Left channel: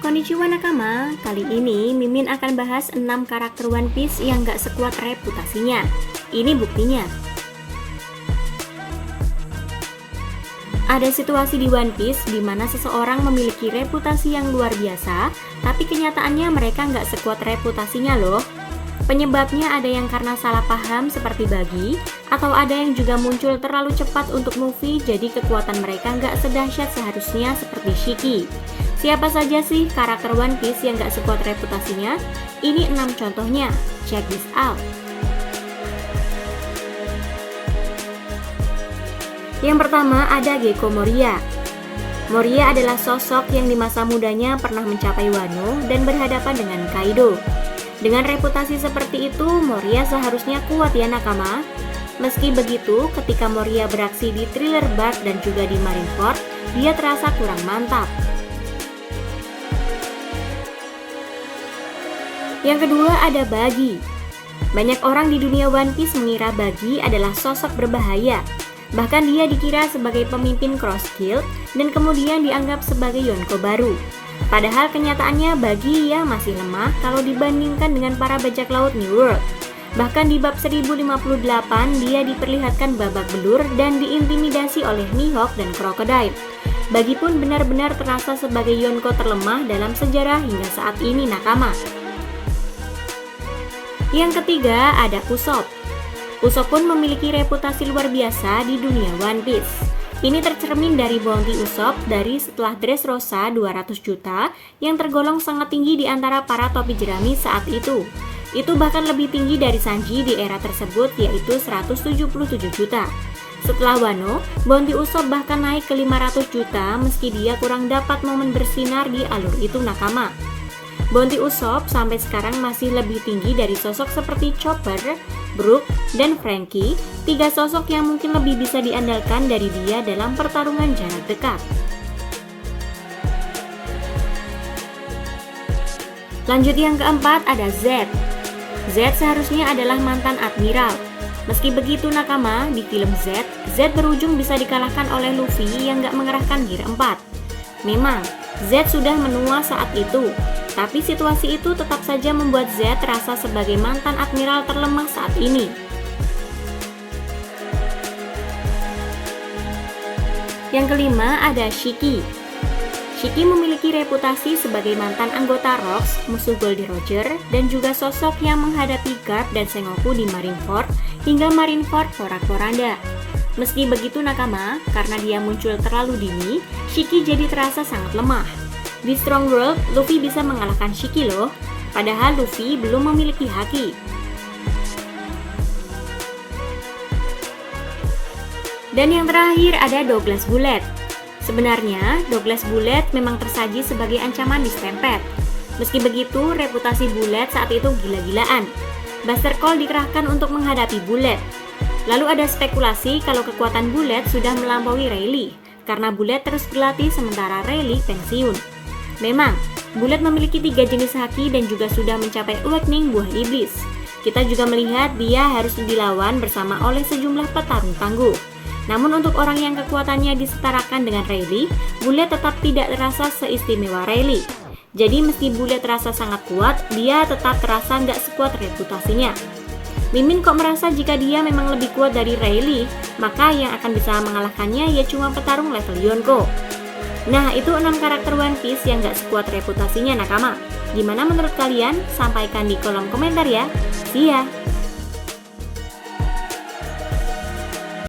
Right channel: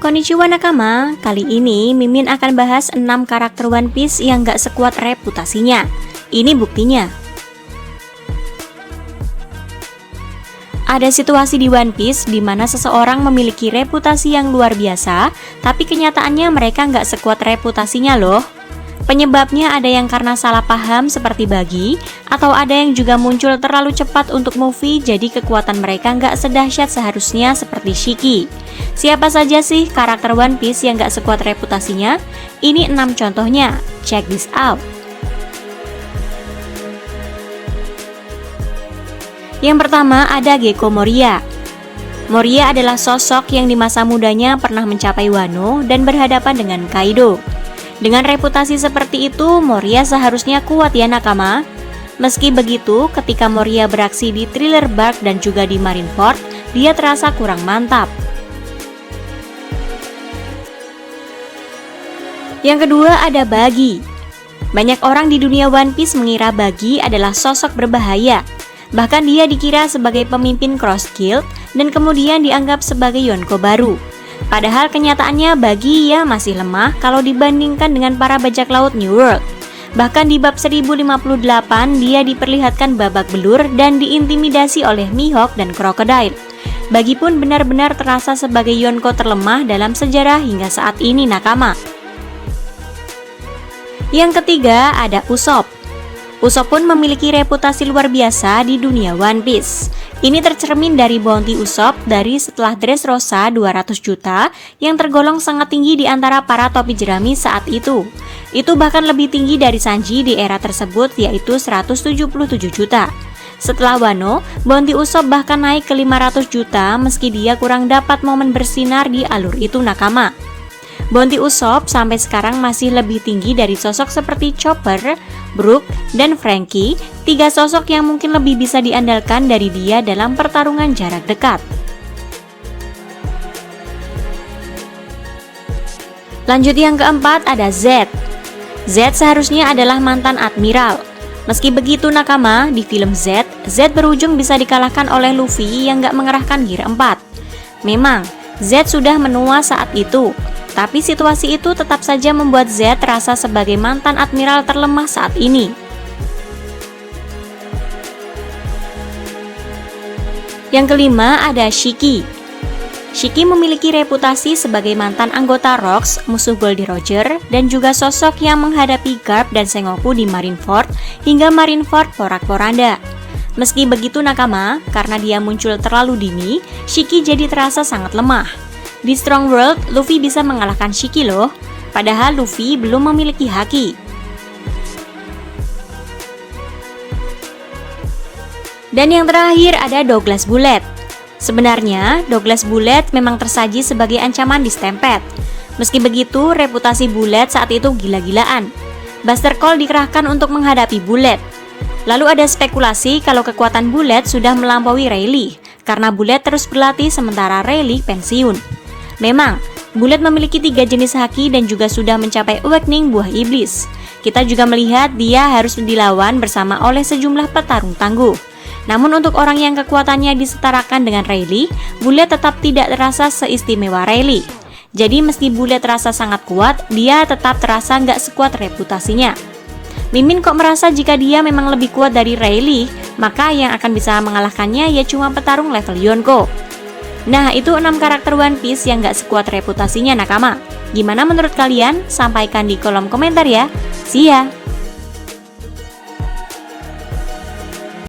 Konnichiwa nakama, kali ini Mimin akan bahas 6 karakter One Piece yang gak sekuat reputasinya. Ini buktinya. Ada situasi di One Piece di mana seseorang memiliki reputasi yang luar biasa, tapi kenyataannya mereka gak sekuat reputasinya loh. Penyebabnya ada yang karena salah paham seperti Buggy, atau ada yang juga muncul terlalu cepat untuk movie jadi kekuatan mereka nggak sedahsyat seharusnya seperti Shiki. Siapa saja sih karakter One Piece yang nggak sekuat reputasinya? Ini 6 contohnya, check this out. Yang pertama ada Gecko Moria. Moria adalah sosok yang di masa mudanya pernah mencapai Wano dan berhadapan dengan Kaido. Dengan reputasi seperti itu, Moria seharusnya kuat ya nakama. Meski begitu, ketika Moria beraksi di Thriller Bark dan juga di Marineford, dia terasa kurang mantap. Yang kedua ada Buggy. Banyak orang di dunia One Piece mengira Buggy adalah sosok berbahaya. Bahkan dia dikira sebagai pemimpin Cross Guild dan kemudian dianggap sebagai Yonko baru. Padahal kenyataannya Buggy ya masih lemah kalau dibandingkan dengan para bajak laut New World. Bahkan di bab 1058 dia diperlihatkan babak belur dan diintimidasi oleh Mihawk dan Crocodile. Buggy pun benar-benar terasa sebagai Yonko terlemah dalam sejarah hingga saat ini nakama. Yang ketiga ada Usopp. Usopp pun memiliki reputasi luar biasa di dunia One Piece. Ini tercermin dari bounty Usopp dari setelah Dressrosa 200 juta yang tergolong sangat tinggi di antara para topi jerami saat itu. Itu bahkan lebih tinggi dari Sanji di era tersebut yaitu 177 juta. Setelah Wano, bounty Usopp bahkan naik ke 500 juta meski dia kurang dapat momen bersinar di alur itu nakama. Bounty Usopp sampai sekarang masih lebih tinggi dari sosok seperti Chopper, Brook, dan Franky, 3 sosok yang mungkin lebih bisa diandalkan dari dia dalam pertarungan jarak dekat. Lanjut yang keempat ada Z. Z seharusnya adalah mantan admiral. Meski begitu nakama, di film Z berujung bisa dikalahkan oleh Luffy yang gak mengerahkan Gear 4. Memang, Z sudah menua saat itu. Tapi situasi itu tetap saja membuat Z terasa sebagai mantan admiral terlemah saat ini. Yang kelima ada Shiki. Shiki memiliki reputasi sebagai mantan anggota Rocks, musuh Goldie Roger, dan juga sosok yang menghadapi Garp dan Sengoku di Marineford hingga Marineford porak-poranda. Meski begitu nakama, karena dia muncul terlalu dini, Shiki jadi terasa sangat lemah. Di Strong World, Luffy bisa mengalahkan Shiki loh, padahal Luffy belum memiliki haki. Dan yang terakhir ada Douglas Bullet. Sebenarnya, Douglas Bullet memang tersaji sebagai ancaman di Stampede. Meski begitu, reputasi Bullet saat itu gila-gilaan. Buster Call dikerahkan untuk menghadapi Bullet. Lalu ada spekulasi kalau kekuatan Bullet sudah melampaui Rayleigh, karena Bullet terus berlatih sementara Rayleigh pensiun. Memang, Bullet memiliki 3 jenis haki dan juga sudah mencapai awakening buah iblis. Kita juga melihat dia harus dilawan bersama oleh sejumlah petarung tangguh. Namun untuk orang yang kekuatannya disetarakan dengan Rayleigh, Bullet tetap tidak terasa seistimewa Rayleigh. Jadi meski Bullet terasa sangat kuat, dia tetap terasa nggak sekuat reputasinya. Mimin kok merasa jika dia memang lebih kuat dari Rayleigh, maka yang akan bisa mengalahkannya ya cuma petarung level Yonko. Nah, itu 6 karakter One Piece yang gak sekuat reputasinya nakama. Gimana menurut kalian? Sampaikan di kolom komentar ya. See ya!